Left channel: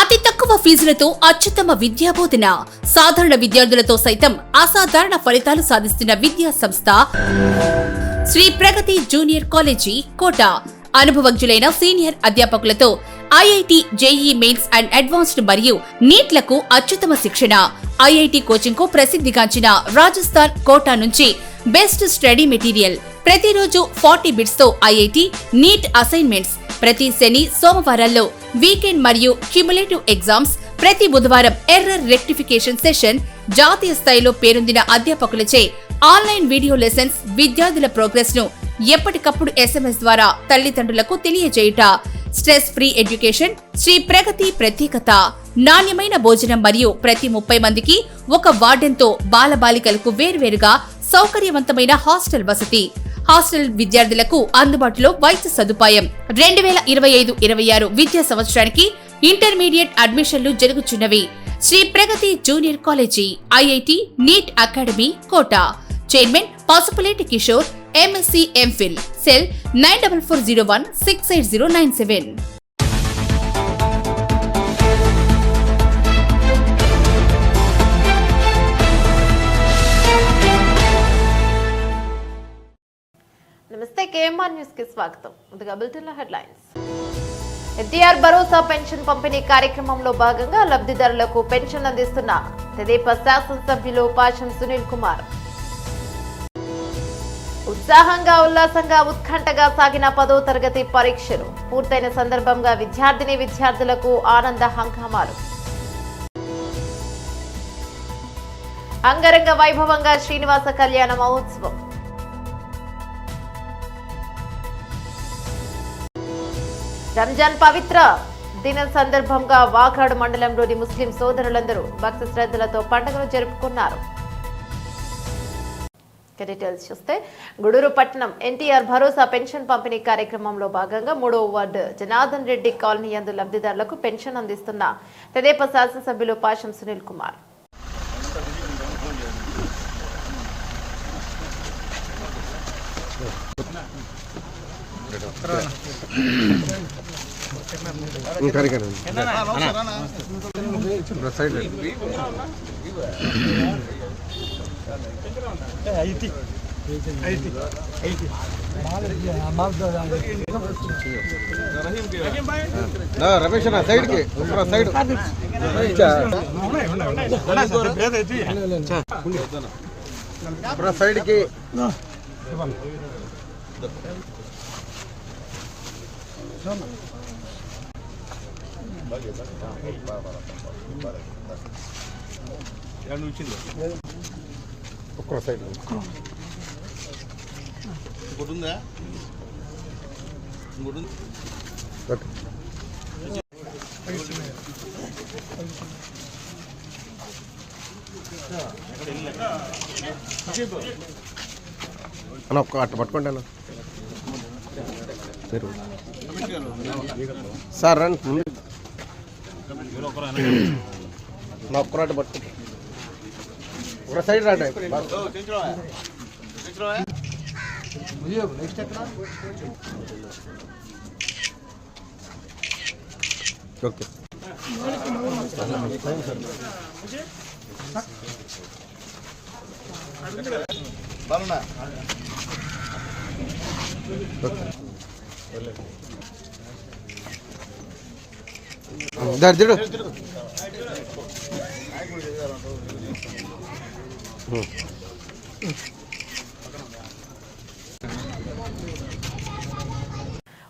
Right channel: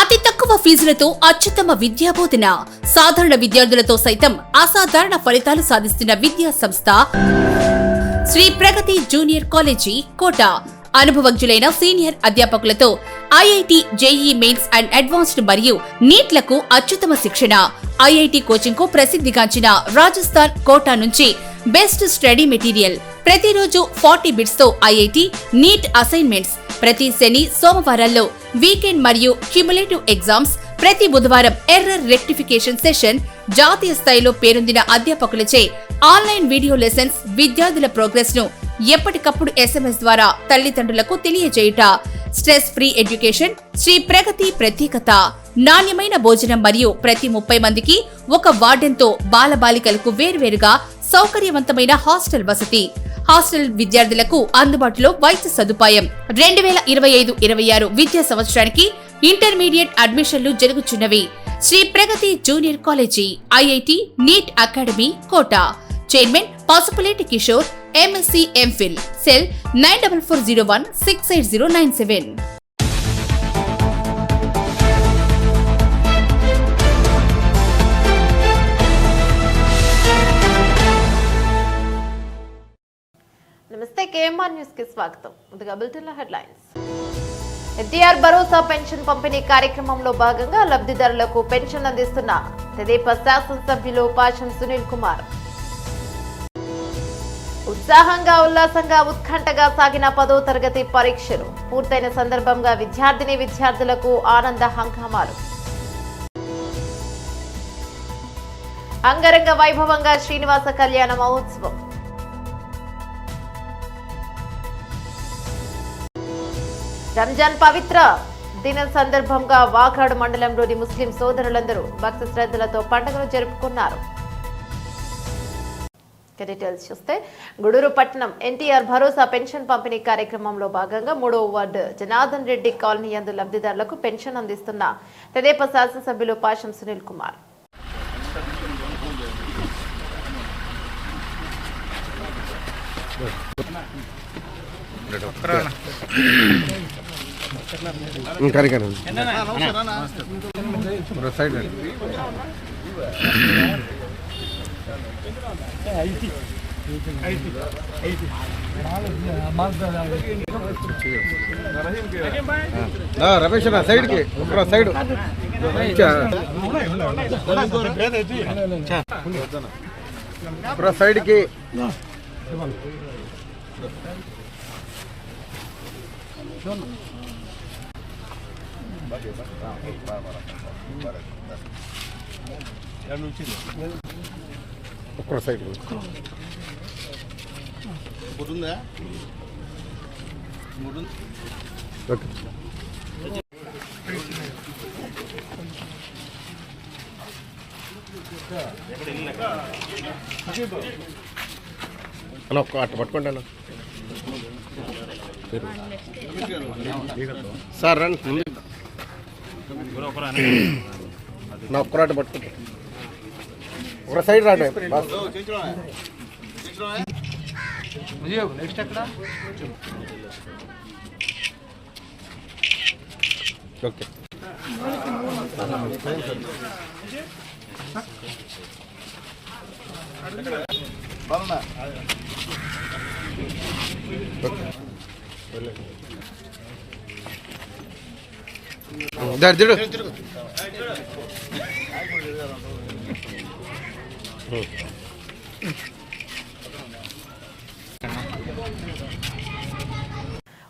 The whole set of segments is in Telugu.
అతి తక్కువ ఫీజులతో అత్యుత్తమ విద్యాబోధన, సాధారణ విద్యార్థులతో సైతం అసాధారణ ఫలితాలు సాధిస్తున్న విద్యా సంస్థ శ్రీ ప్రగతి జూనియర్ కాలేజీ కోట. అనుభవజ్ఞులైన సీనియర్ అధ్యాపకులతో IIT, JEE mains and advanced మరియు నీట్లకు అత్యుత్తమ శిక్షణ. ఐఐటి కోచింగ్ కు ప్రసిద్ధిగాంచిన రాజస్థాన్ కోటా నుంచి బెస్ట్ స్టడీ మెటీరియల్. ప్రతిరోజు 40 బిట్స్ తో ఐఐటి, నీట్ అసైన్మెంట్స్. ప్రతి శని, సోమవారాల్లో వీకెండ్ మరియు క్యుములేటివ్ ఎగ్జామ్స్. ప్రతి బుధవారం ఎర్రర్ రెక్టిఫికేషన్ సెషన్. జాతీయ స్థాయిలో పేరొందిన అధ్యాపకులచే ఆన్లైన్ వీడియో లెసన్స్. విద్యార్థుల ప్రోగ్రెస్ ను ఎప్పటికప్పుడు SMS ద్వారా తల్లిదండ్రులకు తెలియజేయుట. స్ట్రెస్ ఫ్రీ ఎడ్యుకేషన్ శ్రీ ప్రగతి ప్రత్యేకత. నాణ్యమైన భోజనం మరియు ప్రతి 30 మందికి ఒక వార్డెన్తో బాలబాలికలకు వేర్వేరుగా సౌకర్యవంతమైన హాస్టల్ వసతి. హాస్టల్ విద్యార్థులకు అందుబాటులో వైద్య సదుపాయం. 2025-26 విద్యా సంవత్సరానికి ఇంటర్మీడియట్ అడ్మిషన్లు జరుగుచున్నవి. Shri Pragati junior college, IIT, NEET academy Kota. Chairman Pasupuleti Kishore, MSc MPhil. Cell 9440168097. నమస్తే, KMR న్యూస్ కి స్వాగతం. ముందుగా బులెటిన్ లో హెడ్లైన్స్. ఎన్టీఆర్ భరోసా పెన్షన్ పంపిణీ కార్యక్రమంలో భాగంగా లబ్ధిదారులకు పెన్షన్ అందిస్తున్న తెదేపా శాసనసభ్యులు పాషం సునీల్ కుమార్. ఉత్సాహంగా, ఉల్లాసంగా, ఉత్కంఠగా సాగిన 10వ తరగతి పరీక్షలు పూర్తయిన సందర్భంగా విద్యార్థులకు ఆనంద హంగామాలు. అంగరంగ వైభవంగా శ్రీనివాస కళ్యాణ మహోత్సవం. రంజాన్ పవిత్ర దినం సందర్భంగా వాకాడు మండలంలోని ముస్లిం సోదరులందరూ భక్తి శ్రద్ధలతో పండుగను జరుపుకున్నారు. డీటెయిల్స్ చూస్తే, గూడూరు పట్టణం ఎన్టీఆర్ భరోసా పెన్షన్ పంపిణీ కార్యక్రమంలో భాగంగా 3వ వార్డు జనార్దన్ రెడ్డి కాలనీ యందు లబ్ధిదారులకు పెన్షన్ అందిస్తున్న తెదేపా శాసనసభ్యులు పాషం సునీల్ కుమార్. రమేష్ సైడ్ కి సైడ్ సైడ్ కి సైడ్ ఓకే. అలా ఒక్క అట్ట పట్టుకోండి అన్న సార్ రండి నా ఒక్కరాట పట్టుకుంటా ఒక సైడ్ రాండి. నెక్స్ట్ ఎక్కడ ఓకే. దర్జుడు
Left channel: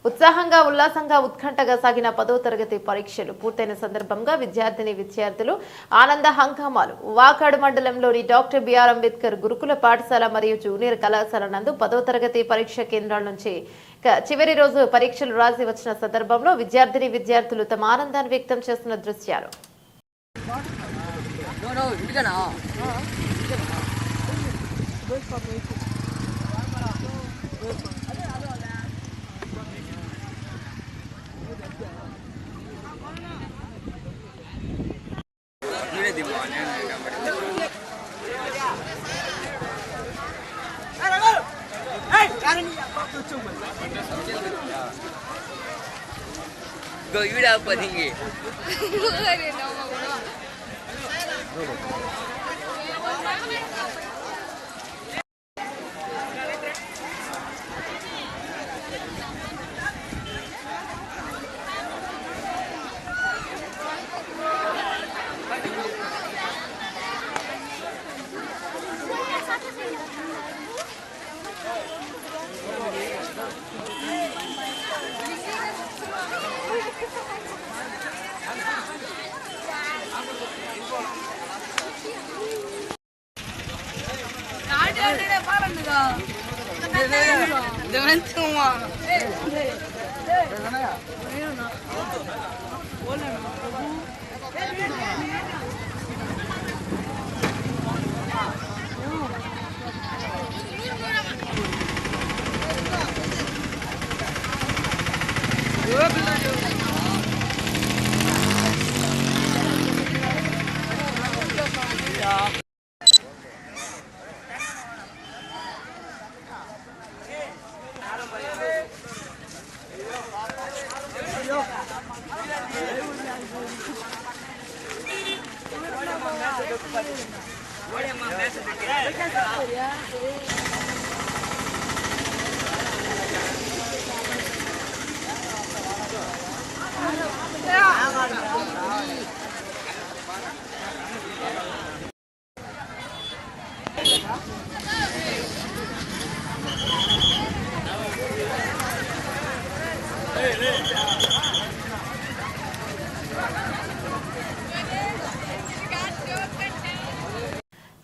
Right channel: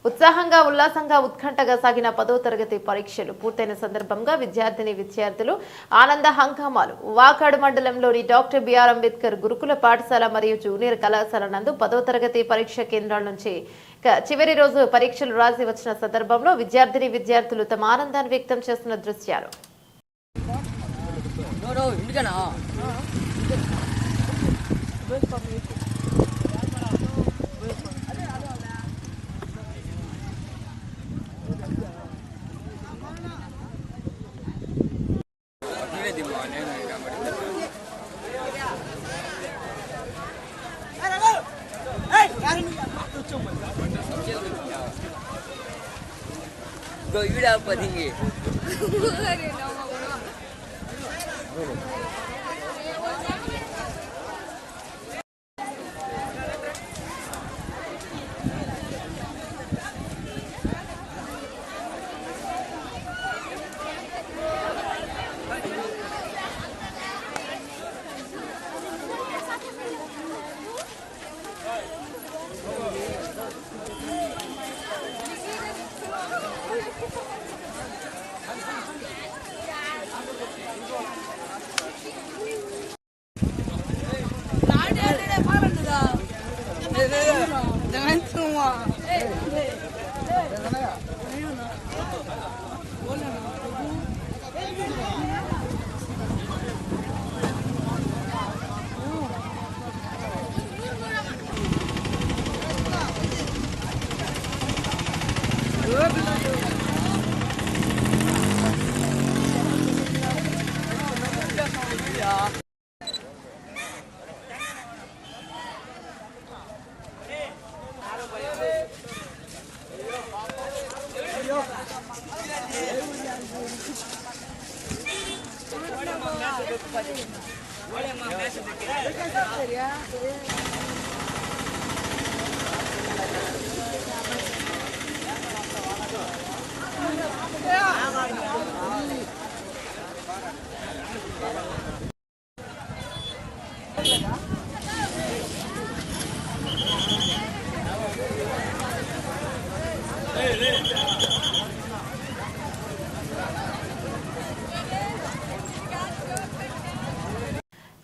ఉత్సాహంగా, ఉల్లాసంగా, ఉత్కంఠగా సాగిన 10వ తరగతి పరీక్షలు పూర్తయిన సందర్భంగా విద్యార్థులు ఆనంద హంగామాలు. వాకాడు మండలంలోని డాక్టర్ బిఆర్ అంబేద్కర్ గురుకుల పాఠశాల మరియు జూనియర్ కళాశాల నందు 10వ తరగతి పరీక్ష కేంద్రాల నుంచి చివరి రోజు పరీక్షలు రాసి వచ్చిన సందర్భంలో విద్యార్థులు తమ ఆనందాన్ని వ్యక్తం చేస్తున్న దృశ్యాలు. Go पढ़ेंगे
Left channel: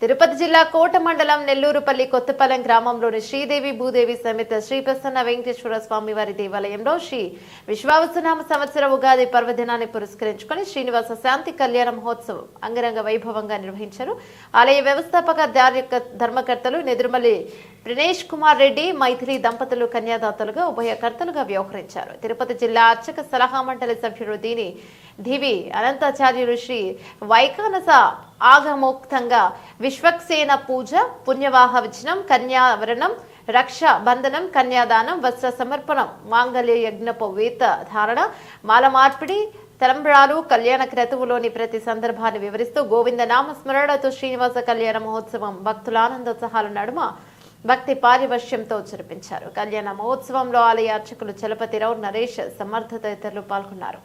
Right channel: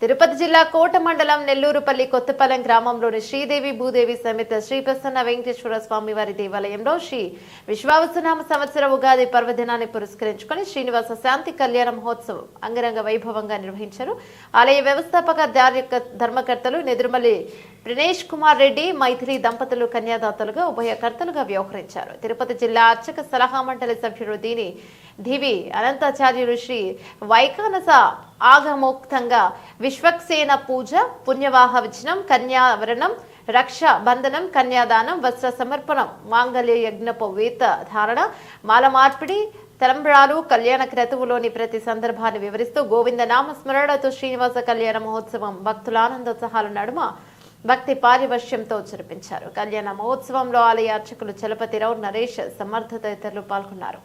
తిరుపతి జిల్లా కోట మండలం నెల్లూరుపల్లి కొత్తపాలెం గ్రామంలోని శ్రీదేవి భూదేవి సమేత శ్రీ ప్రసన్న వెంకటేశ్వర స్వామి వారి దేవాలయంలో శ్రీ విశ్వావసునామ సంవత్సర ఉగాది పర్వదినాన్ని పురస్కరించుకుని శ్రీనివాస శాంతి కళ్యాణ మహోత్సవం అంగరంగ వైభవంగా నిర్వహించారు. ఆలయ వ్యవస్థాపక ధర్మకర్తలు నెదురుమల్లి ప్రణేష్ కుమార్ రెడ్డి మైథిలి దంపతులు కన్యాదాతలుగా ఉభయకర్తలుగా వ్యవహరించారు. తిరుపతి జిల్లా అర్చక సలహా మండలి సభ్యుడు దివి అనంతాచార్యులు శ్రీ వైకానస ఆగమోక్తంగా విశ్వక్సేన పూజ, పుణ్యవాహ విచనం, కన్యావరణం, రక్ష బంధనం, కన్యాదానం, వస్త్ర సమర్పణం, మాంగళ్య యజ్ఞపు వేత ధారణ, మాల మార్పిడి, తలంబ్రాలు, కళ్యాణ క్రతువులోని ప్రతి సందర్భాన్ని వివరిస్తూ గోవింద నామ స్మరణతో శ్రీనివాస కళ్యాణ మహోత్సవం భక్తుల ఆనందోత్సాహాల నడుమ భక్తి పారివశ్యంతో జరిపించారు. కళ్యాణ మహోత్సవంలో ఆలయ అర్చకులు చలపతిరావు, నరేష్, సమర్థ తదితరులు పాల్గొన్నారు.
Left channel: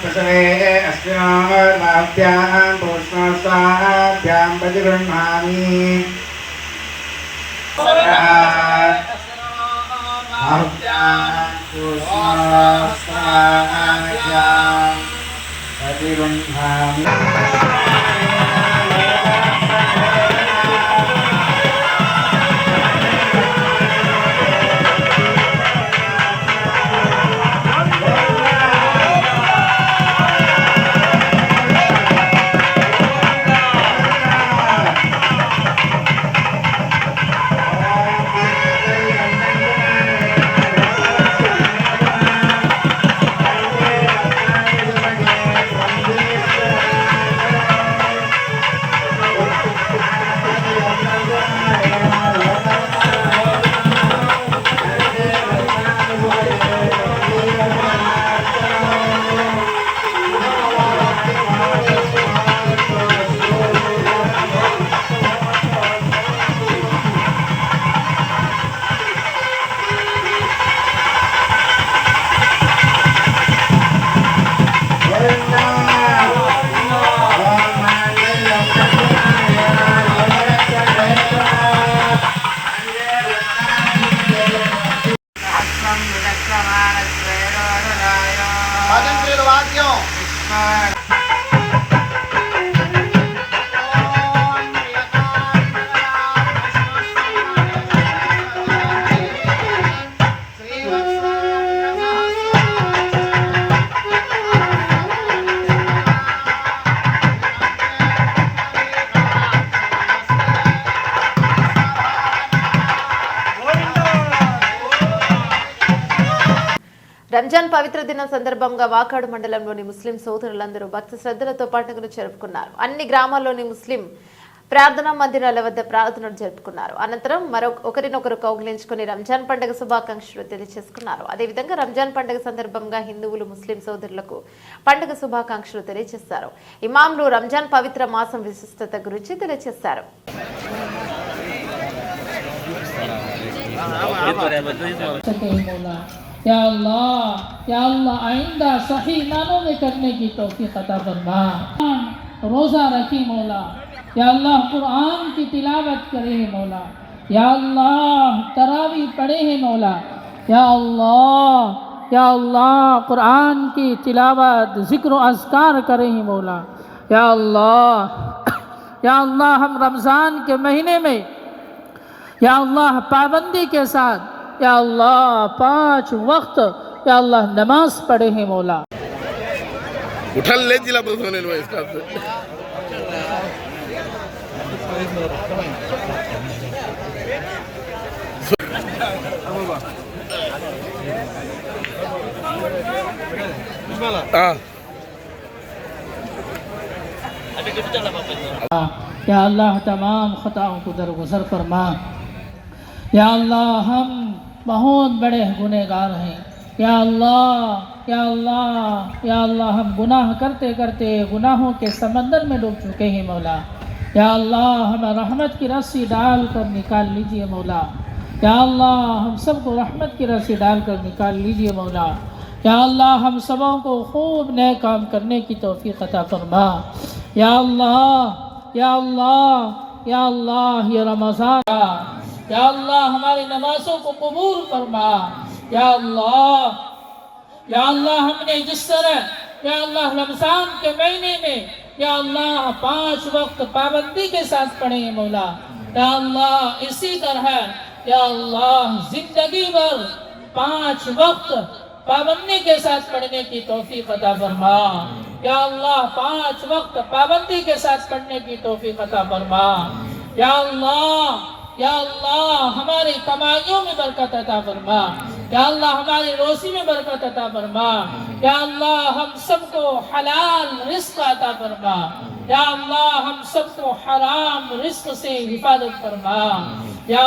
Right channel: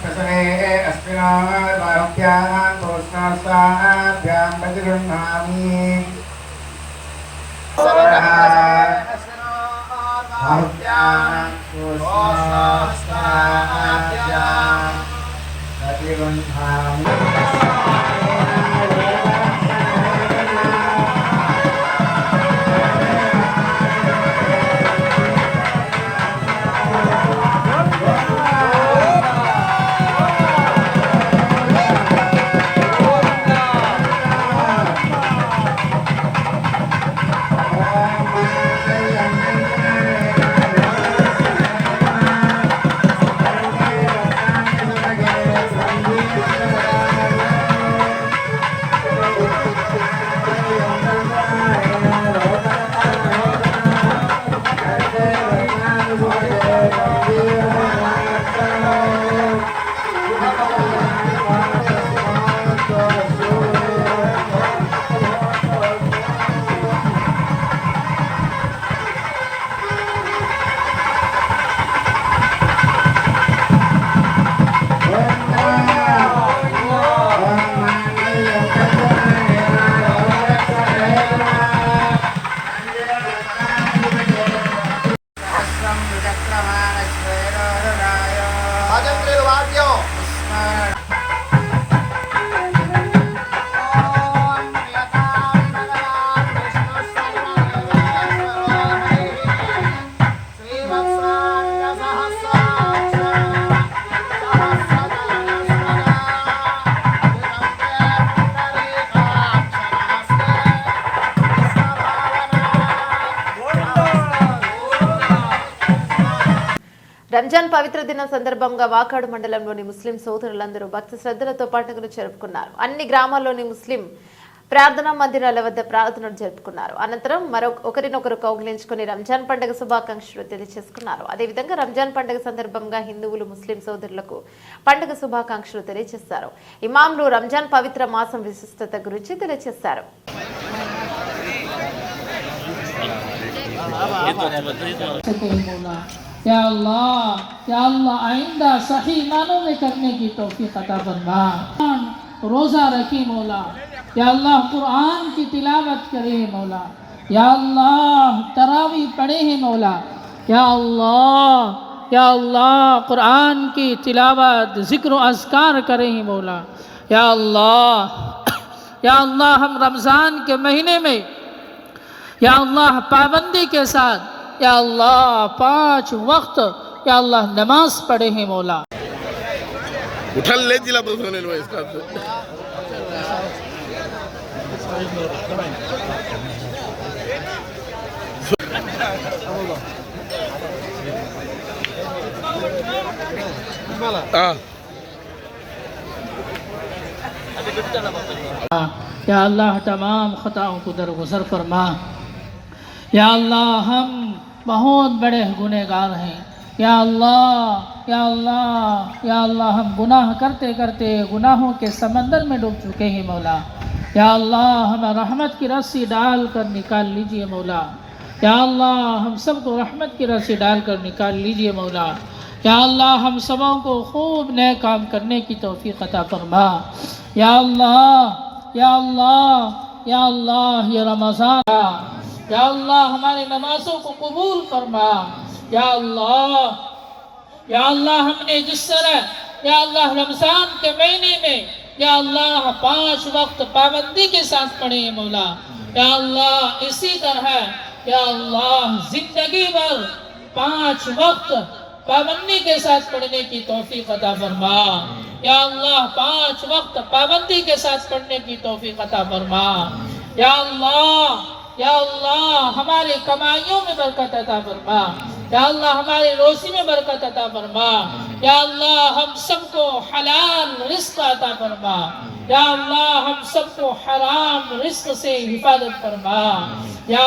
प्रसवे अस्मिन् पूष्णास्ताभ्यां प्रतिगृह्णामि రంజాన్ పవిత్ర దినం సందర్భంగా వాకాడు మండలంలోని ముస్లిం సోదరులందరూ భక్తి శ్రద్ధలతో పండుగను జరుపుకున్నారు. అన్ని గ్రామాల్లోని ముస్లిం ప్రార్థనా మందిరాల వద్ద ప్రార్థనలు జరుపుకున్నారు. అనంతరం ఒకరినొకరు కౌగిలించుకుని రంజాన్ పండుగ శుభాకాంక్షలు తెలియజేసుకున్నారు. అదేవిధంగా రంజాన్ పండుగ సందర్భంగా హిందువులు ముస్లిం సోదరులకు పండుగ శుభాకాంక్షలు తెలియజేశారు. ఇమాంలు రంజాన్ పవిత్ర మాసం విశిష్టత గురించి తెలియజేశారు. या अल्लाह आइंदा सही मानों में करने की तौफीक अता फरमा। रोज़ा रखी मौला, या अल्लाह कुरान की तिलावत करे मौला, या अल्लाह तरावी पढ़े हैं मौला, या अल्लाह कुरान की तिलावत ज़िक्र अज़कार करे हैं मौला, या अल्लाह हम रमज़ान के महीने में या अल्लाह पाबंदी के साथ या अल्लाह 5 वक्त या अल्लाह नमाज पढ़े हैं मौला। उठा ले जिला बसोने लो इसका या अल्लाह तमाम खताओं को दरगुजर फरमा। या अल्लाह हम बहुत बड़े गुनहगार हैं। या अल्लाह हम गुनाह करते करते गुनाहों के समंदर में डूब चुके हैं मौला। या अल्लाह हमें रहमत की रस्सी डाल कर निकाल लीजिए मौला। या अल्लाह हम सबको रहमत की रस्सी डाल कर निकाल लीजिए मौला। या अल्लाह हम सबों को खूब नए काम करने की तौफीक अता फरमा। या अल्लाह ये रमज़ान, या अल्लाह हमारी नमाज़ों को कबूल फरमा। या अल्लाह हमने जिस तरह या अल्लाह रमज़ान के महीने में या अल्लाह 5 वक्त पाबंदी के साथ पढ़े हैं मौला। या अल्लाह इसी तरह या अल्लाह जिंदगी भर 5 वक्त पाबंदी के साथ पढ़ने की तौफीक अता फरमा। या अल्लाह 5 वक्त पाबंदी के साथ पढ़ने की तौफीक अता फरमा। या अल्लाह हमारी कमाइयों में बरकत अता फरमा। या अल्लाह हमारी रोजी में बरकत अता फरमा। या अल्लाह हम सबको हलाल रिस्क अता फरमा। या अल्लाह हम सबको हराम रिस्क से हिफाजत फरमा। या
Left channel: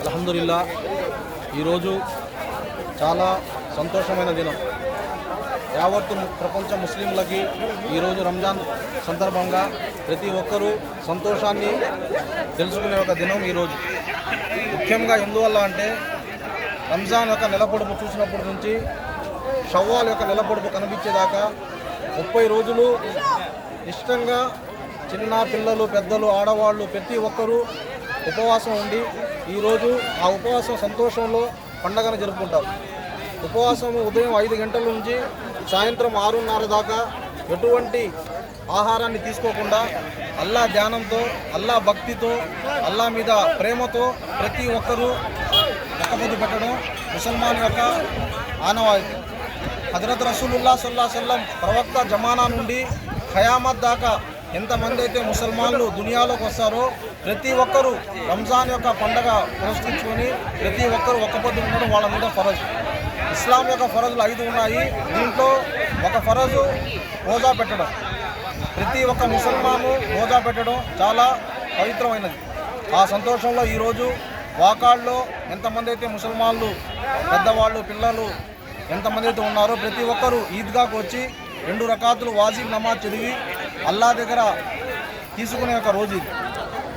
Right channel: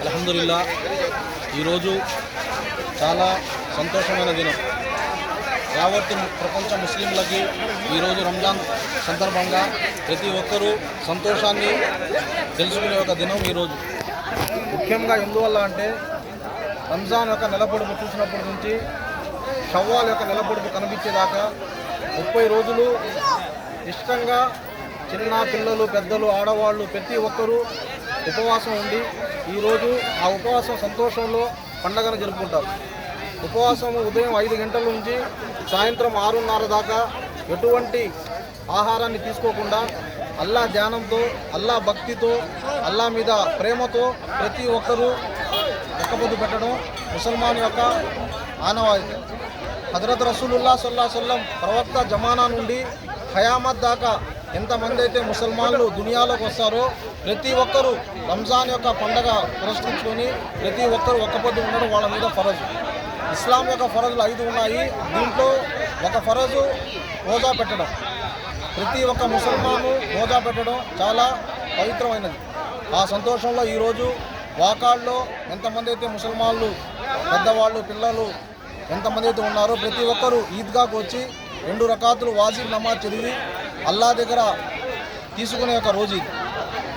అల్హమ్దులిల్లా ఈరోజు చాలా సంతోషమైన దినం. యావత్తు ప్రపంచ ముస్లింలకి ఈరోజు రంజాన్ సందర్భంగా ప్రతి ఒక్కరూ సంతోషాన్ని తెలుసుకునే ఒక దినం ఈరోజు. ముఖ్యంగా ఎందువల్ల అంటే రంజాన్ యొక్క నెలపొడుపు చూసినప్పటి నుంచి షవ్వాల్ యొక్క నెలపొడుపు కనిపించేదాకా 30 రోజులు ఇష్టంగా చిన్న పిల్లలు పెద్దలు ఆడవాళ్ళు ప్రతి ఒక్కరూ ఉపవాసం ఉండి ఈరోజు ఆ ఉపవాసం సంతోషంలో పండగను జరుపుకుంటారు. ఉపవాసం ఉదయం 5 గంటల నుంచి సాయంత్రం 6:30 దాకా ఎటువంటి ఆహారాన్ని తీసుకోకుండా అల్లా ధ్యానంతో అల్లా భక్తితో అల్లా మీద ప్రేమతో ప్రతి ఒక్కరూ ఒక్కపొద్దు పెట్టడం ముసల్మాన్ యొక్క ఆనవాయితీ. హజరత్ రసూలుల్లాహ్ సల్లల్లాహు అలైహి వసల్లం ప్రవక్త జమానా నుండి ఖయామత్ దాకా ఎంతమంది అయితే ముసల్మాన్లు దునియాలోకి వస్తారో ప్రతి ఒక్కరూ రంజాన్ యొక్క పండగ పురస్కరించుకొని ప్రతి ఒక్కరూ ఒక్కపొద్దు ఉండడం వాళ్ళ మీద ఫరజ్. ఇస్లాం యొక్క ఫరజులు 5 ఉన్నాయి. దీంట్లో ఒక ఫరజు రోజా పెట్టడం. ప్రతి ఒక్క ముసల్మాను రోజా పెట్టడం చాలా పవిత్రమైనది. ఆ సంతోషంలో ఈరోజు వాకాడ్లో ఎంతమంది అయితే ముసల్మాన్లు పెద్దవాళ్ళు పిల్లలు ఎంతమంది అయితే ఉన్నారో ప్రతి ఒక్కరూ ఈద్గాకు వచ్చి 2 రకాతులు వాజిబ్ నమాజ్ చదివి అల్లా దగ్గర తీసుకునే ఒక రోజు ఇది.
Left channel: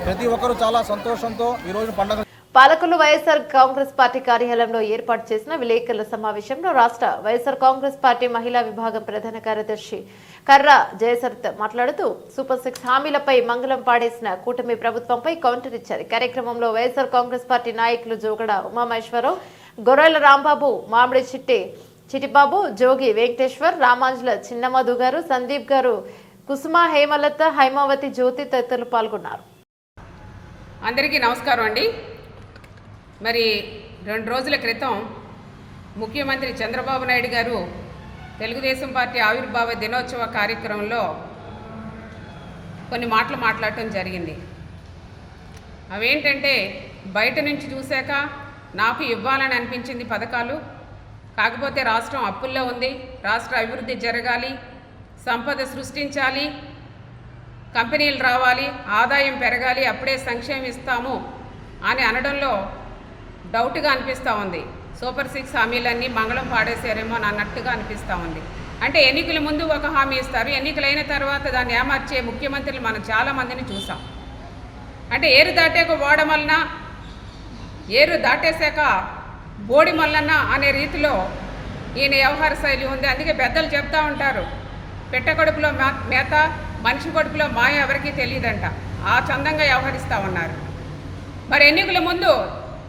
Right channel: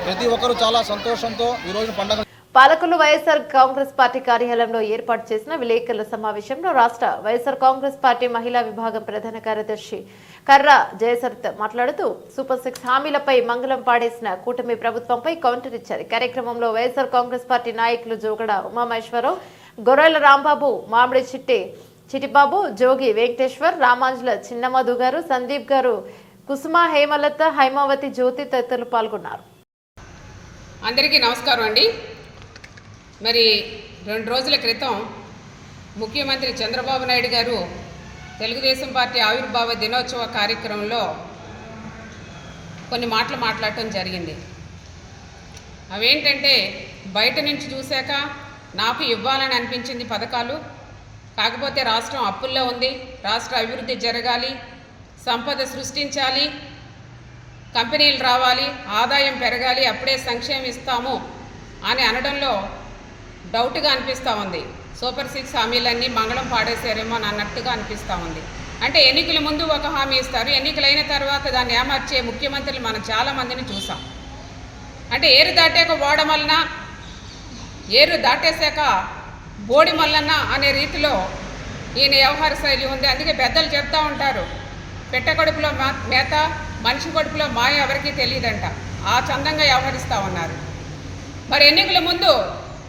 ప్రతి ఒక్కరూ చాలా సంతోషంతో ఈరోజు పండుగ. పాలకులు వైఎస్ఆర్ కాంగ్రెస్ పార్టీ కార్యాలయంలో ఏర్పాటు చేసిన విలేకరుల సమావేశంలో రాష్ట్ర వైఎస్ఆర్ కాంగ్రెస్ పార్టీ మహిళా విభాగం ప్రధాన కార్యదర్శి కర్రా జయసరిత మాట్లాడుతూ సూపర్ 6 హామీలపై మంగళం పాడేసిన కూటమి ప్రభుత్వంపై కౌంటర్ ఇచ్చారు. కార్యక్రమంలో వైఎస్ఆర్ కాంగ్రెస్ పార్టీ నాయకులు జోగడ ఉమామహేశ్వరరావు, గొర్రెల రాంబాబు, మామిడి చిట్టిబాబు, జోగి వెంకటేశ్వర్, రామాంజుల చిన్నమధు గారు, సందీప్ గారు, కుసుమ, హేమలత, హైమావతి, జ్యోతి తదితరులు పాల్గొన్నారు. అందరికీ నమస్కారం అండి. మరి 2 రోజుల క్రితం ముఖ్యమంత్రి చంద్రబాబు నాయుడు గారు తెలుగుదేశం పార్టీ ఆవిర్భావ దినోత్సవ కార్యక్రమంలో కొన్ని మాటలు మాట్లాడటం జరిగింది. అవేంటంటే, బయట నుంచి చూశాక నాకు ఇవ్వాలని అనిపించింది పథకాలు, కాకపోతే రాష్ట్రం అప్పుల్లో ఉంది, రాష్ట్ర అభివృద్ధి జరగాలి, సంపద సృష్టించాలి, కంపెనీలు రావాలి, ఆదాయం పెరగాలి, అప్పుడే సంక్షేమం ఇస్తాము అని అనడంలో డౌట్గా అనిపిస్తూ ఉంది. సూపర్ 6 హామీలన్నీ మంగళం పాడేశారేమో అని అన్నట్టుగా అనిపిస్తూ ఉంది. అంటే ఎన్నికల ముందు ఒక హామీ ఇస్తారు, ఎన్నికలైన తర్వాత దాన్ని ఏమార్చే ముఖ్యమంత్రులు మనం చాలామందిని చూసాం. అంటే ఏరు దాటాక ఓడమల్లన, ఏరు దాటేశాక బోడి మల్లన్న అనే రీతిలో ఈయన వ్యవహార శైలి ఉంది. అందుకే పెద్దలు చెప్తూ ఉంటారు, పెట్ట కడుపులో మేత, మనిషి కడుపులో మాయ ఎవరికీ తెలియదంట. ఆ చందంగా వ్యవహరిస్తూ ఉన్నారు. మరి ఎన్నికల ముందు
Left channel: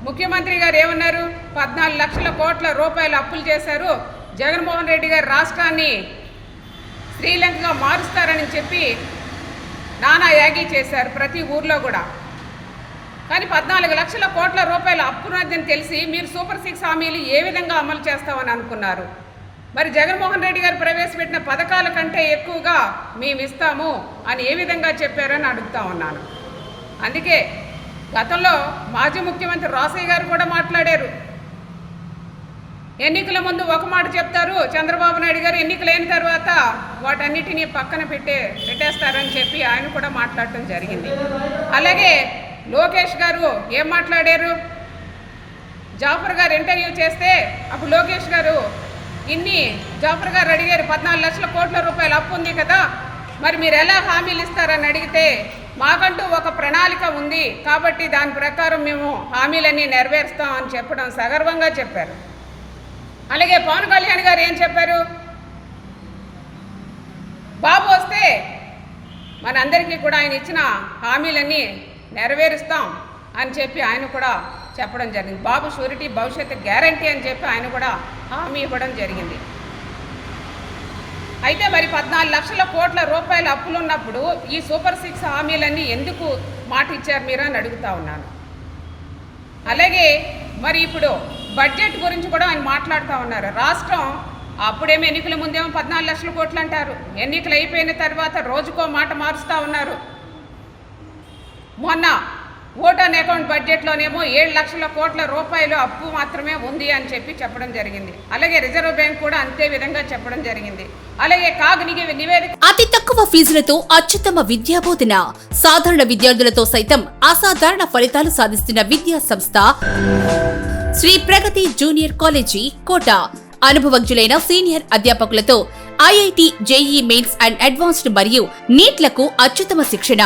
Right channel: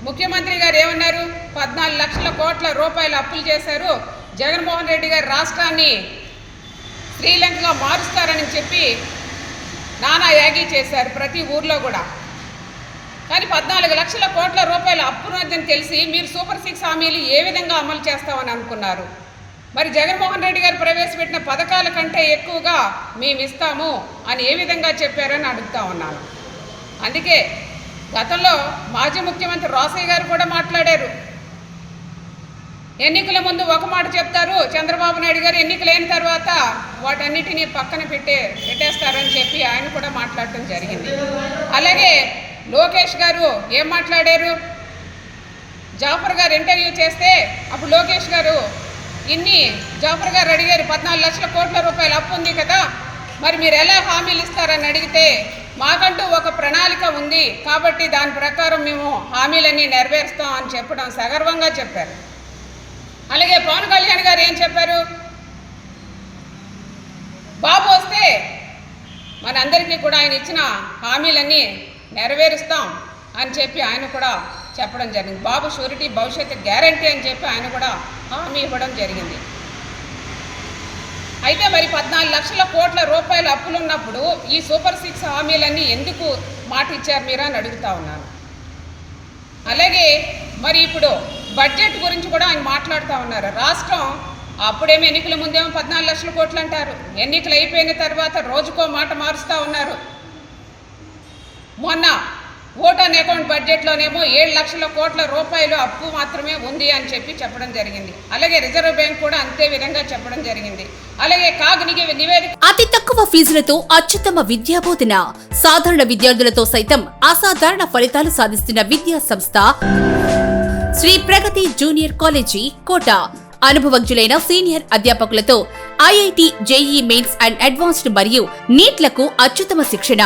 ముఖ్యమంత్రి గారు ఏమన్నారు? 14 లక్షల కోట్ల రూపాయలు అప్పులు చేశారు, జగన్మోహన్ రెడ్డి గారు రాష్ట్రాన్ని శ్రీలంకగా మారుస్తారని చెప్పి నానా యాగి చేశారు ప్రతి ఊర్లో కూడా. కానీ 14 లక్షల కోట్ల రూపాయల అప్పున్నదని తెలిసి మీరు సూపర్ 6 హామీలు ఏ విధంగా అమలు చేస్తామని అనుకున్నారు? మరి జగన్మోహన్ రెడ్డి గారు ప్రవేశపెట్టిన పథకాల కంటే ఎక్కువగా మేము ఇస్తాము అని ఏ విధంగా చెప్పారని అడుగుతా ఉన్నాను. అందుకే గతంలో మాజీ ముఖ్యమంత్రి రోసయ్య గారు కూడా మాట్లాడారు. ఎన్నికల ముందు ఒక మాట చెప్తారు చంద్రబాబు నాయుడు గారు, ఎన్నికలైన తర్వాత వాటన్నిటినీ పక్కన పెట్టేస్తారని చెప్పి ఆయన కూడా మాట్లాడటం జరిగింది. అలాగే లోకేష్ గారు ఏం మాట్లాడారు? జాఫర్ గారు ఇంటర్వ్యూ చేస్తే అప్పుడు లోకేష్ గారు జాఫర్ గారు అడిగారు, 14 లక్షల కోట్ల రూపాయలు అప్పు ఉంది కదా, మరి మీరు ఎలా హామీలు ఇస్తారని అడిగితే, మాకంటూ ఒక ప్రణాళిక ఉంది కాబట్టి దాని ప్రకారం మేము హామీలన్నీ నెరవేరుస్తాం అని చెప్పడం సగర్వంగా చెప్పారు. అలాగే పవన్ కళ్యాణ్ గారు ఏం చెప్పారు? బాబు వస్తే మనందరికీ కూడా ఆయన ఇచ్చిన హామీలన్నీ నెరవేరుస్తాం అని చెప్పి ఆయన కూడా చెప్పడం జరిగింది. బాబు షూరిటీ, భవిష్యత్తు గ్యారంటీ అని చెప్పి ఆయన కూడా హామీ ఇవ్వడం జరిగింది. అయితే మరి 14 లక్షల కోట్ల రూపాయల అప్పులు ఉన్నప్పుడు ఈ సూపర్ 6 హామీలన్నీ ఎందుకు మాట ఇచ్చారు మీరు అని అడుగుతా ఉన్నాను. అలాగే మరి ఇప్పుడు బడ్జెట్ గురించి కూడా ఆయన మాట్లాడుతూ ఉన్నారు. రాష్ట్రం అప్పుడేమో ఎన్నికల ముందేమో 14 లక్షల కోట్లు అంటారు, ఎన్నికలు అయిపోయిన తర్వాత రోజుకో మాట మారుస్తూ ఉన్నారు. మొన్న ఓట్ ఆన్ అకౌంట్ బడ్జెట్లోనేమో 7 లక్షల కోట్ల రూపాయలు అప్పు మాత్రమే ఉంది అని చెప్పడం జరిగింది. అలాగే రిజర్వ్ బ్యాంక్ కూడా అంతే విధంగా చెప్పడం జరిగింది. అలాగే నివేదిక అతి తక్కువ ఫీజులతో అత్యుత్తమ విద్యాబోధన, సాధారణ విద్యార్థులతో సైతం అసాధారణ ఫలితాలు సాధిస్తున్న విద్యా సంస్థ శ్రీ ప్రగతి జూనియర్ కాలేజీ కోట. అనుభవజ్ఞులైన సీనియర్ అధ్యాపకులతో IIT, JEE mains and advanced మరియు నీట్లకు అత్యుత్తమ శిక్షణ.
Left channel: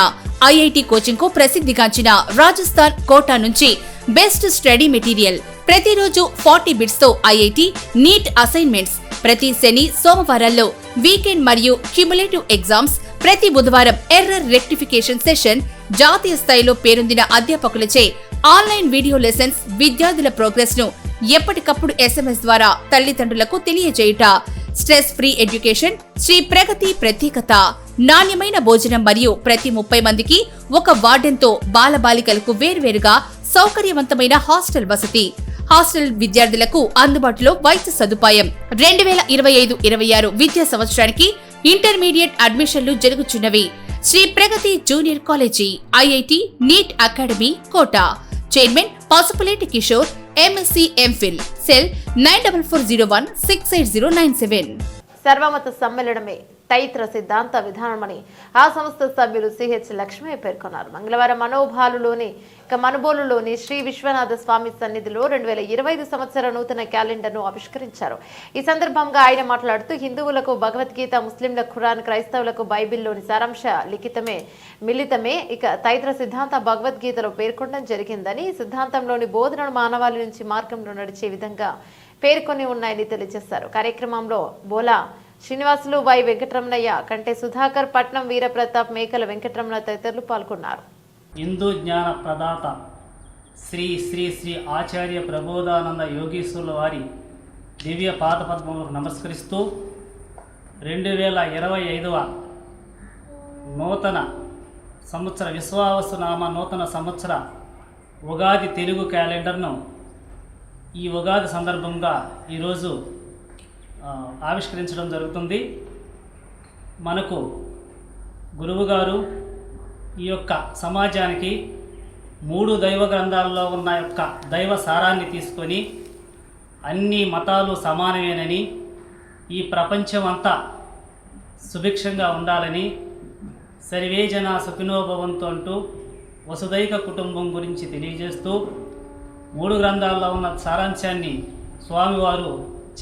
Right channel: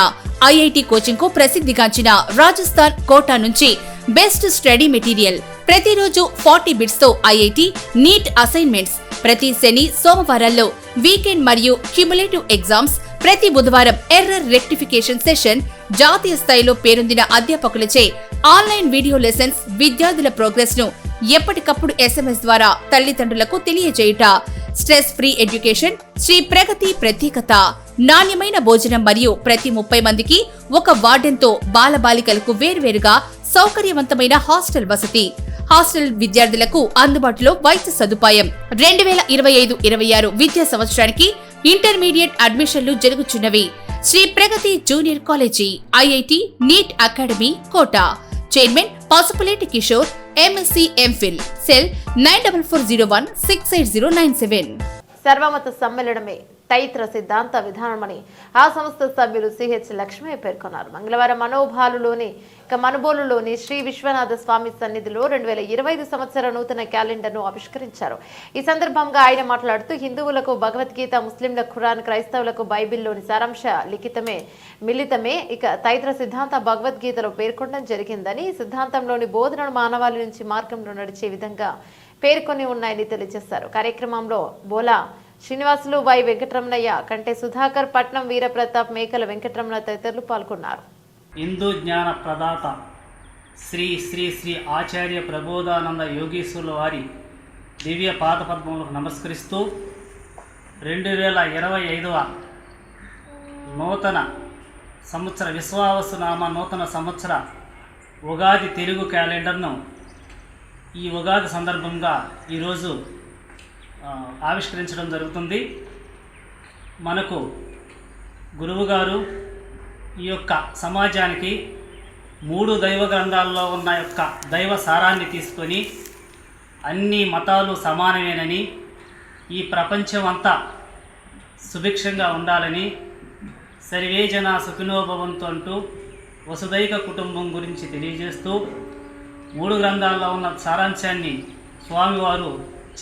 ఐఐటి కోచింగ్ కు ప్రసిద్ధిగాంచిన రాజస్థాన్ కోటా నుంచి బెస్ట్ స్టడీ మెటీరియల్. ప్రతిరోజు 40 బిట్స్ తో ఐఐటి, నీట్ అసైన్మెంట్స్. ప్రతి శని, సోమవారాల్లో వీకెండ్ మరియు క్యుములేటివ్ ఎగ్జామ్స్. ప్రతి బుధవారం ఎర్రర్ రెక్టిఫికేషన్ సెషన్. జాతీయ స్థాయిలో పేరొందిన అధ్యాపకులచే ఆన్లైన్ వీడియో లెసన్స్. విద్యార్థుల ప్రోగ్రెస్ ను ఎప్పటికప్పుడు SMS ద్వారా తల్లిదండ్రులకు తెలియజేయుట. Stress free education. శ్రీ ప్రగతి ప్రత్యేకత నాణ్యమైన భోజనం మరియు ప్రతి 30 మందికి ఒక వార్డెన్తో బాలబాలికలకు వేర్వేరుగా సౌకర్యవంతమైన హాస్టల్ వసతి. హాస్టల్ విద్యార్థులకు అందుబాటులో వైద్య సదుపాయం. 2025-26 విద్యా సంవత్సరానికి ఇంటర్మీడియట్ అడ్మిషన్లు జరుగుచున్నవి. Shri Pragati junior college, IIT, NEET academy Kota. Chairman Pasupuleti Kishore, MSc MPhil. Cell 9440168097. సర్వమత సమ్మేళనమే తైత్ర సిద్ధాంత విధానమని ఆ సంస్థ సభ్యులు సిహెచ్ లక్ష్మయ్య పేర్కొన్నారు. మంగళవారం మనుబోలులోని శ్రీ విశ్వనాథ స్వామి సన్నిధిలో 2025 సంవత్సర నూతన క్యాలెండర్ను ఆవిష్కరించారు. ఈ సందర్భంగా ఆయన మాట్లాడుతూ, హిందువులకు భగవద్గీత, ముస్లింలకు ఖురాన్, క్రైస్తవులకు బైబిల్లోని సారాంశ మిళితమే ఇక తైత్ర సిద్ధాంత భగవద్గీతలో పేర్కొనడం జరిగిందని, ఈ సిద్ధాంతంలోని బోధనలు మానవాళి నుంచి మార్గంలో నడిచే విధంగా పేర్కొని ఉన్నాయని తెలియజేశారు. కార్యక్రమంలో బోలా శ్రీనివాసులు, వై వెంకటరమణయ్య, కంటే సుధాకర్, పట్నం వీరప్రతాప్, మేకల వెంకటరమణ తదితరులు పాల్గొన్నారు. హిందూ జ్ఞాన ప్రదాత శ్రీ శ్రీ శ్రీ ఆచార్య ప్రబోధానంద యోగీశ్వరుల వారి దివ్య పాదపద్మములకు నమస్కరిస్తూ 2025వ నూతన సంవత్సర విశ్వావసునామ నూతన సంవత్సర ఉగాది తెలుగు క్యాలెండర్ను ఈ ఉగాది సందర్భంగా ఈరోజు ఆవిష్కరించడం జరుగుతుంది. మనకు గురువుగారు ఈ యొక్క సమాజానికి 3 దైవ గ్రంథాల్లో ఉన్న యొక్క దైవ సారాన్ని తీసుకొని అన్ని మతాలు సమానమేనని, ఈ ప్రపంచం అంతా సుభిక్షంగా ఉండాలని, సర్వే జన సుఖినో భవంతు అంటూ వసుదైక కుటుంబం గురించి తెలియజేస్తూ 3 గ్రంథాల్లో ఉన్న సారాంశాన్ని స్వామివారు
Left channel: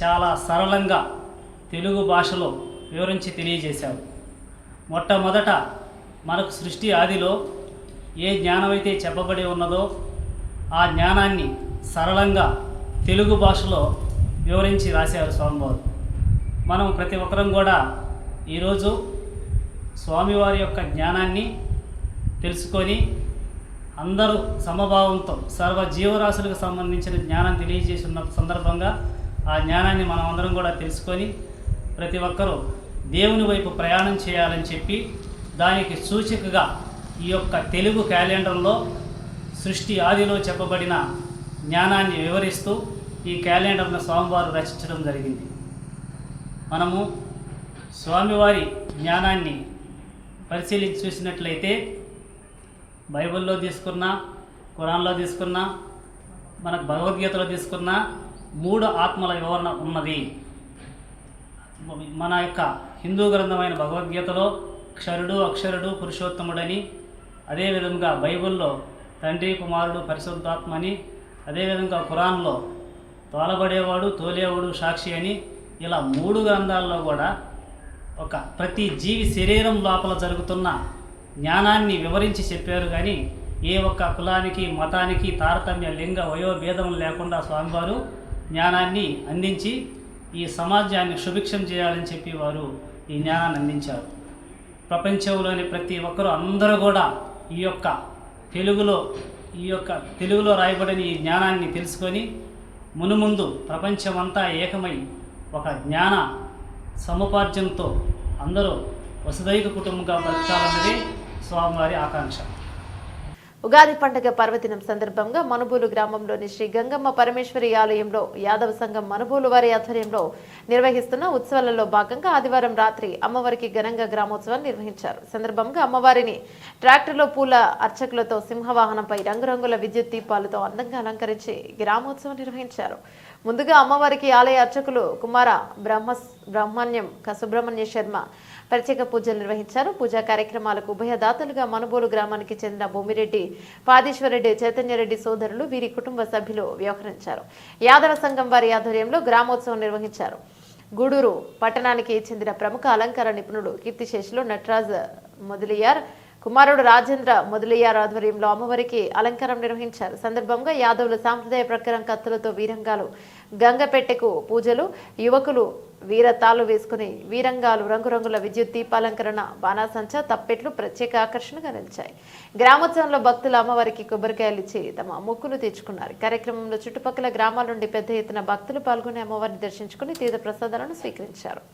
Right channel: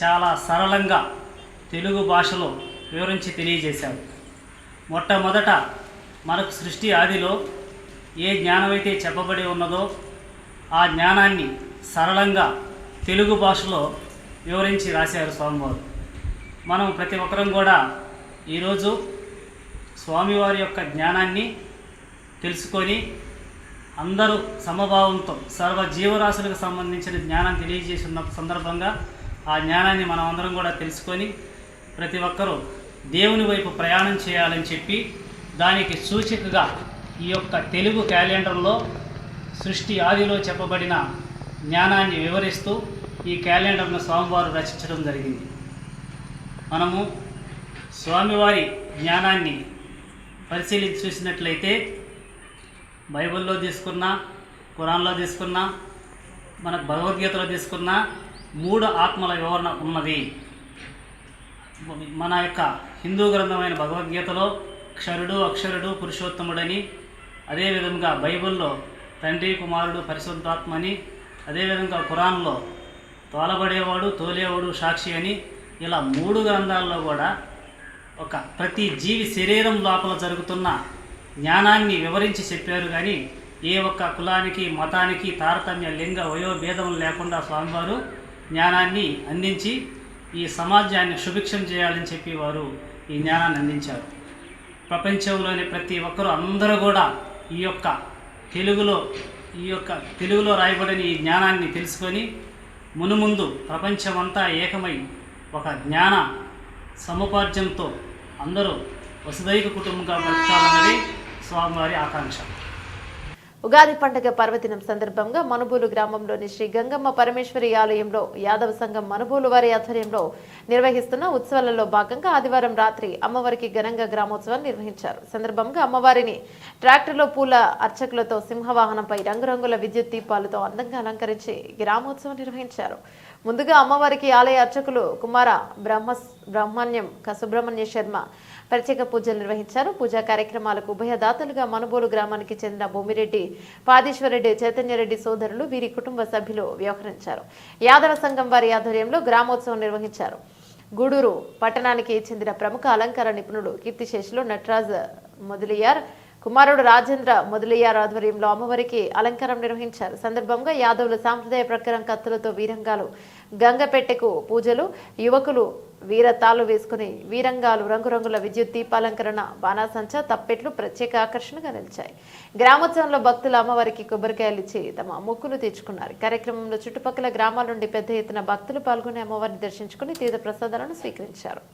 చాలా సరళంగా తెలుగు భాషలో వివరించి తెలియజేశారు. మొట్టమొదట మనకు సృష్టి ఆదిలో ఏ జ్ఞానమైతే చెప్పబడి ఉన్నదో ఆ జ్ఞానాన్ని సరళంగా తెలుగు భాషలో వివరించి రాశారు స్వామివారు. మనం ప్రతి ఒక్కరం కూడా ఈరోజు స్వామివారి యొక్క జ్ఞానాన్ని తెలుసుకొని అందరూ సమభావంతో సర్వ జీవరాశులకు సంబంధించిన జ్ఞానం తెలియజేసిన సందర్భంగా ఆ జ్ఞానాన్ని మనం అందరం కూడా తెలుసుకొని ప్రతి ఒక్కరూ దేవుని వైపు ప్రయాణం చేయాలని చెప్పి దానికి సూచికగా ఈ యొక్క తెలుగు క్యాలెండర్లో సృష్టి ఆదిలో చెప్పబడిన జ్ఞానాన్ని వివరిస్తూ ఈ క్యాలెండర్ను స్వామివారు రచించడం జరిగింది. మనము స్వామివారి జ్ఞానాన్ని పరిశీలించి చూసినట్లయితే బైబిల్లో తీసుకున్నా, ఖురాన్లో తీసుకున్నా, మనకు భగవద్గీతలో తీసుకున్నా 3 ఆత్మల వివరణ ఉన్నది. మన యొక్క హిందూ గ్రంథమైన భగవద్గీతలో క్షరుడు, అక్షరుడు, పురుషోత్తముడని, అదేవిధంగా బైబిల్లో తండ్రి, కుమారుడు, పరిశుద్ధాత్మ అని, అదేవిధంగా ఖురాన్లో తోలబడేవాడు, తోలేవాడు, సాక్షి అని, ఇలా 3 గ్రంథాల్లో కూడా ప్రతి జీవి శరీరం లోపల జరుగుతున్న జ్ఞానాన్ని వివరించి చెప్పారు. కానీ ఏ ఒక్క కులానికి, మతానికి తారతమ్య, లింగ, వయోభేదం లేకుండా స్వామివారు జ్ఞానాన్ని అందించి ఈ సమాజాన్ని సుభిక్షం చేయాలని చెప్పి వారు ఈ జ్ఞానాన్ని అందించారు. ప్రపంచంలోని ప్రతి ఒక్కరూ అందరూ కూడా ఈ యొక్క తెలుగులో రాయబడిన ఈ జ్ఞానాన్ని తెలుసుకొని మునుముందు ప్రపంచమంతా ఏకమై ఒక జ్ఞాన సముపార్జనతో అందరూ వసుదైక కుటుంబంగా బతకాలన్నది స్వామివారి ఆకాంక్ష. ఉగాది పండుగ పర్వదినం సందర్భంగా మనుబోలు గ్రామంలోని శ్రీ గంగమ్మ పరమేశ్వరి ఆలయంలో యాదవ సంఘం మనుబోలు వారి ఆధ్వర్యంలో నిర్వహిస్తున్న ఉత్సవాలలో భాగంగా ఆదివారం రాత్రి అమ్మవారికి ఘనంగా గ్రామోత్సవాన్ని నిర్వహించారు. సందర్భంగా అమ్మవారిని ట్రాక్టర్లో పూల అర్చకులతో సింహవాహనంపై రంగురంగుల విద్యుత్ దీపాలతో అందంగా అలంకరించి గ్రామోత్సవం నిర్వహించారు. ముందుగా అమ్మవారికి ఆలయ అర్చకులు కుమార బ్రహ్మణ్యం సుబ్రహ్మణ్య శర్మ ప్రత్యేక పూజలు నిర్వహించారు. పూజా కార్యక్రమాలకు ఉభయదాతలుగా మనుబోలు గ్రామానికి చెందిన భూమిరెడ్డి, పాదీశ్వరరెడ్డి, చైతన్యరెడ్డి సోదరులు, వీరి కుటుంబ సభ్యులు వ్యవహరించారు. యాదవ సంఘం వారి ఆధ్వర్యంలో గ్రామోత్సవం నిర్వహించారు. గూడూరు పట్టణానికి చెందిన ప్రముఖ అలంకార నిపుణుడు కీర్తిశేషులు నటరాజ్ మొదలియార్ కుమారుడు రాజేంద్ర మొదలియార్ ఆధ్వర్యంలో అమ్మవారికి అలంకారం నిర్వహించారు. సందర్భంగా యాదవులు సాంప్రదాయ ప్రకారం కత్తులతో వీరంగాలు, గంగపెట్టెకు పూజలు, యువకులు వీరతాళ్ళు వేసుకుని వీరంగాలు, రంగురంగుల విద్యుత్ దీపాలంకరణ, బాణాసంచ, తప్పెట్లు ప్రత్యేక ఆకర్షణగా నిలిచాయి. గ్రామోత్సవంలో భక్తులు అమ్మవారికి కొబ్బరికాయలు ఇచ్చి తమ మొక్కులు తీర్చుకున్నారు. కార్యక్రమంలో చుట్టుపక్కల గ్రామాల నుండి పెద్ద ఎత్తున భక్తులు పాల్గొని అమ్మవారిని దర్శించుకుని తీర్థ ప్రసాదాలను స్వీకరించారు.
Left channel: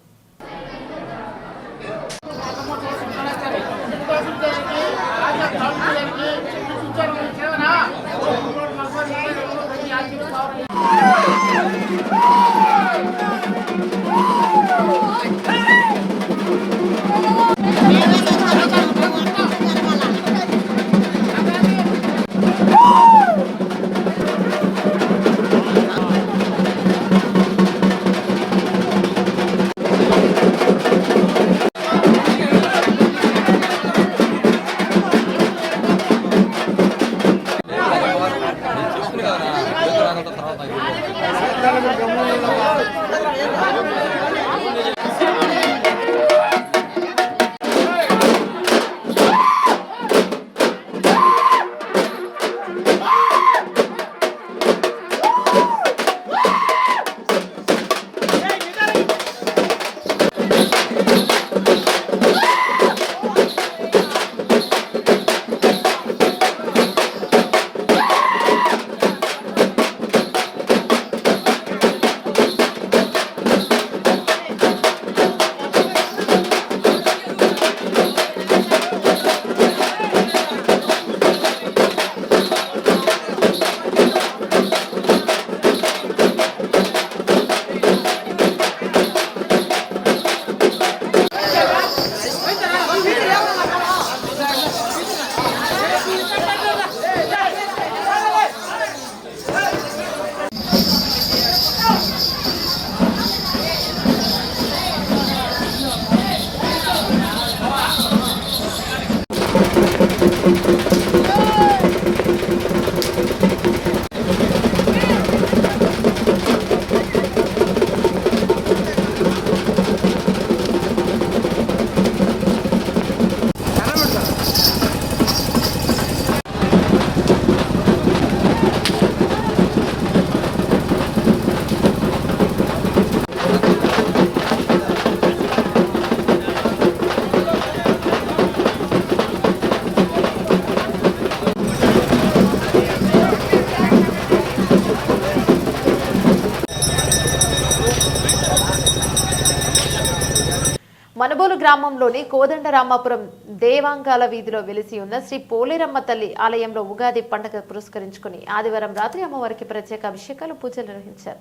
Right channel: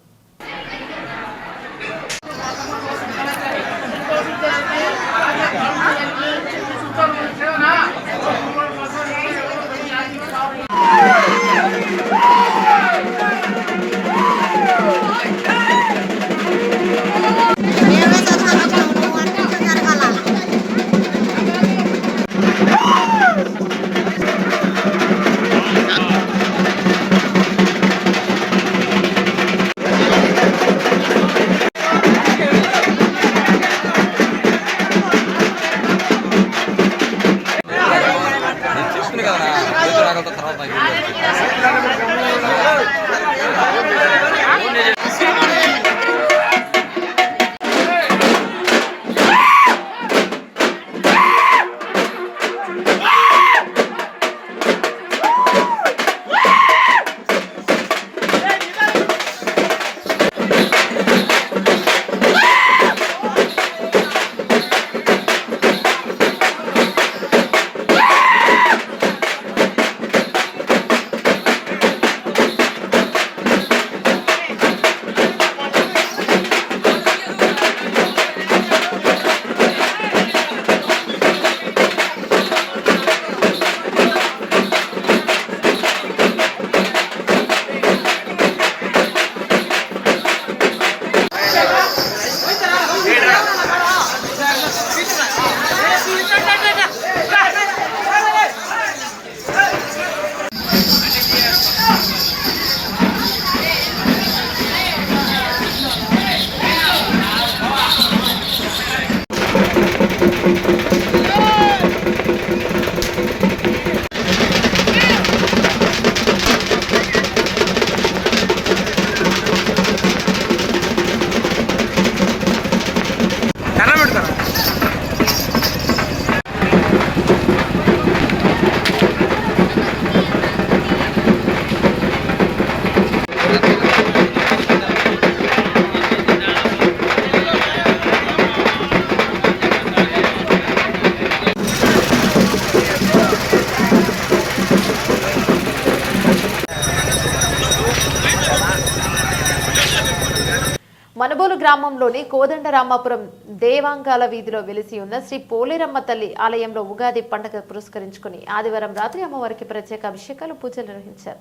మనుబోలు గ్రామంలోని కోదండరామాపురం దేవాంగాల వీధిలో వెలిసి ఉన్న శ్రీ పోలేరమ్మ తల్లి ఆలయంలో ఉగాది పండుగ పురస్కరించుకుని ఆదివారం రాత్రి అమ్మవారికి ప్రత్యేక అభిషేకాలు పూజలు నిర్వహించారు.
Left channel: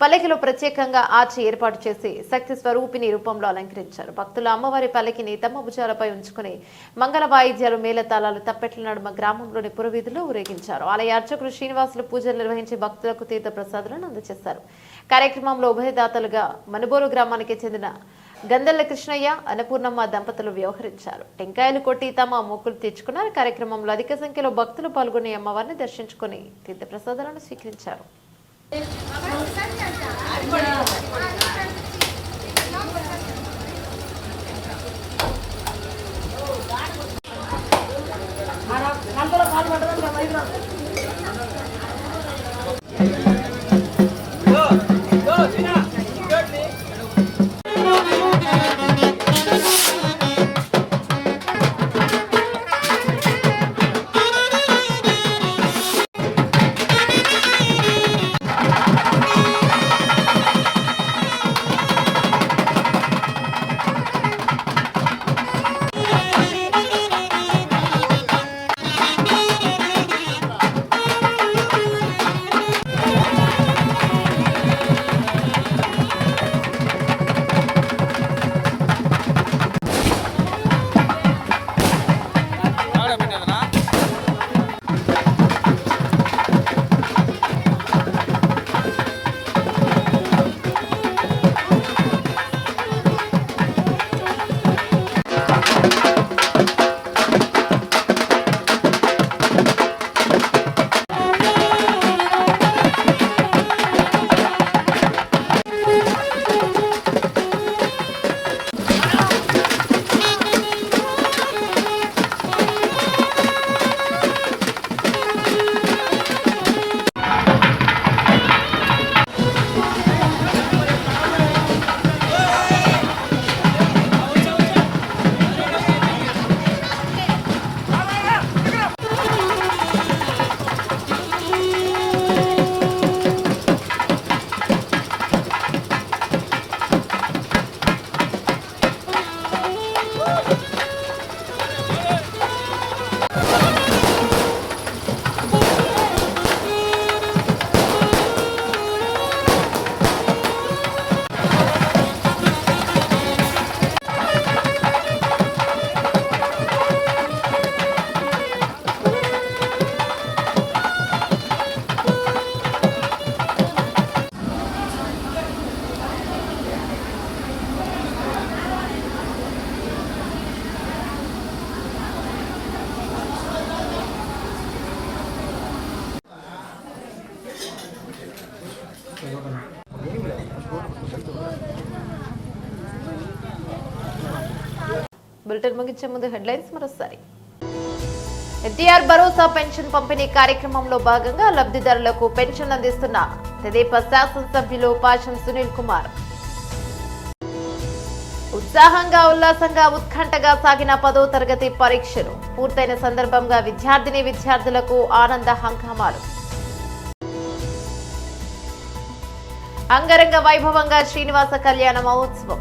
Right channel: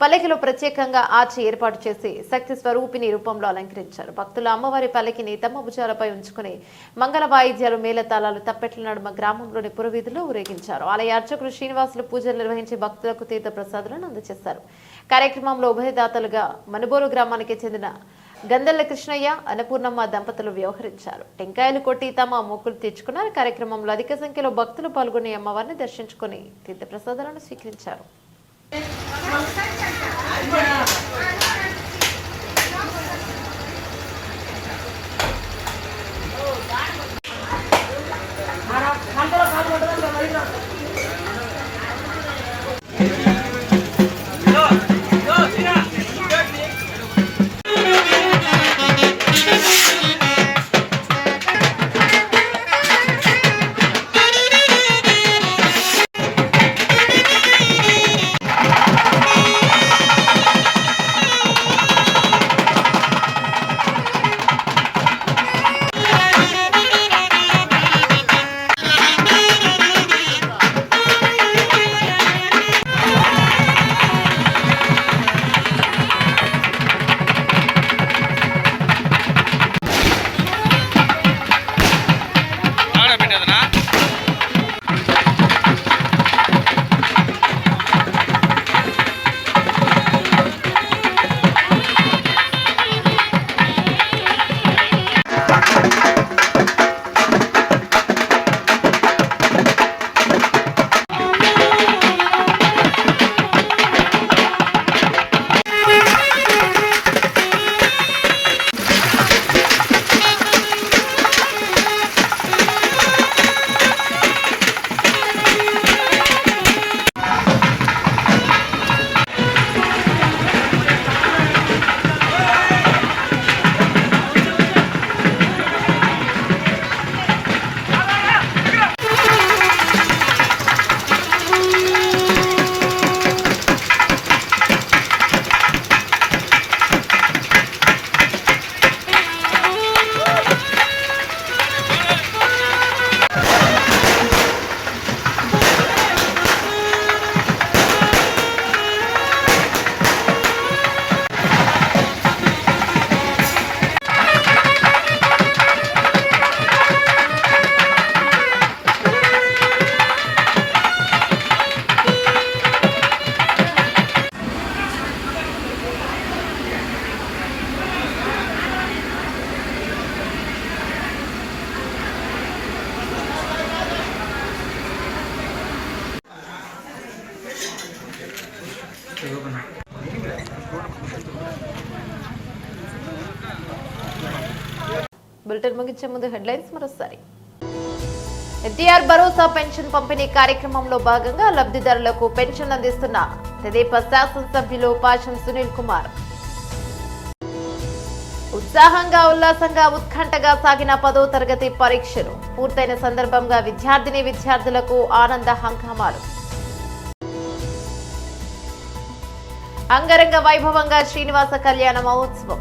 పల్లకిలో ప్రత్యేకంగా ఆర్చి ఏర్పాటు చేసి శక్తి స్వరూపిణి రూపంలో అలంకరించారు. భక్తులు అమ్మవారి పల్లకిని తమ భుజాలపై ఉంచుకుని మంగళ వాయిద్యాలు మేళతాళాలు తప్పెట్ల నడుమ గ్రామంలోని పురవీధుల్లో ఊరేగించారు. ఆలయ అర్చకులు శ్రీనివాసులు పూజలు నిర్వహించి భక్తులకు తీర్థ ప్రసాదాలను అందజేశారు. కార్యక్రమంలో ఉభయదాతలుగా మనుబోలు గ్రామానికి చెందిన గందెల్ల కృష్ణయ్య అన్నపూర్ణమ్మ దంపతులు వ్యవహరించారు. టెంకాయలు కొట్టి తమ మొక్కులు తీర్చుకున్నారు. కార్యక్రమంలో అధిక సంఖ్యలో భక్తులు పాల్గొని అమ్మవారిని దర్శించుకుని తీర్థ ప్రసాదాలను స్వీకరించారు. బులెటిన్ ముగించే ముందు హెడ్లైన్స్ మరోసారి. ఎన్టీఆర్ భరోసా పెన్షన్ పంపిణీ కార్యక్రమంలో భాగంగా లబ్ధిదారులకు పెన్షన్ అందిస్తున్న తెదేపా శాసనసభ్యులు పాషం సునీల్ కుమార్. ఉత్సాహంగా ఉల్లాసంగా ఉత్కంఠగా సాగిన 10వ తరగతి పరీక్షలు పూర్తయిన సందర్భంగా విద్యార్థులకు ఆనంద హంగామాలు. అంగరంగ వైభవంగా శ్రీనివాస కళ్యాణ మహోత్సవం.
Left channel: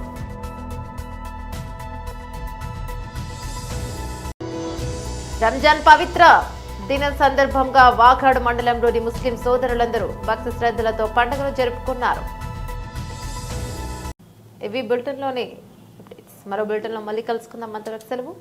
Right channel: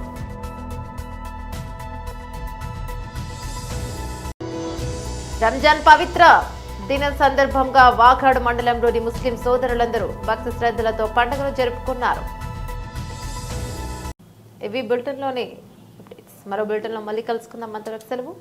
రంజాన్ పవిత్ర దినం సందర్భంగా వాకాడు మండలంలోని ముస్లిం సోదరులందరూ భక్తి శ్రద్ధలతో పండుగను జరుపుకున్నారు. ఇవి బులెటిన్లోని అప్డేట్స్. మరో బులెటిన్లో మళ్ళీ కలుసుకుందాం. అంతవరకు సెలవు.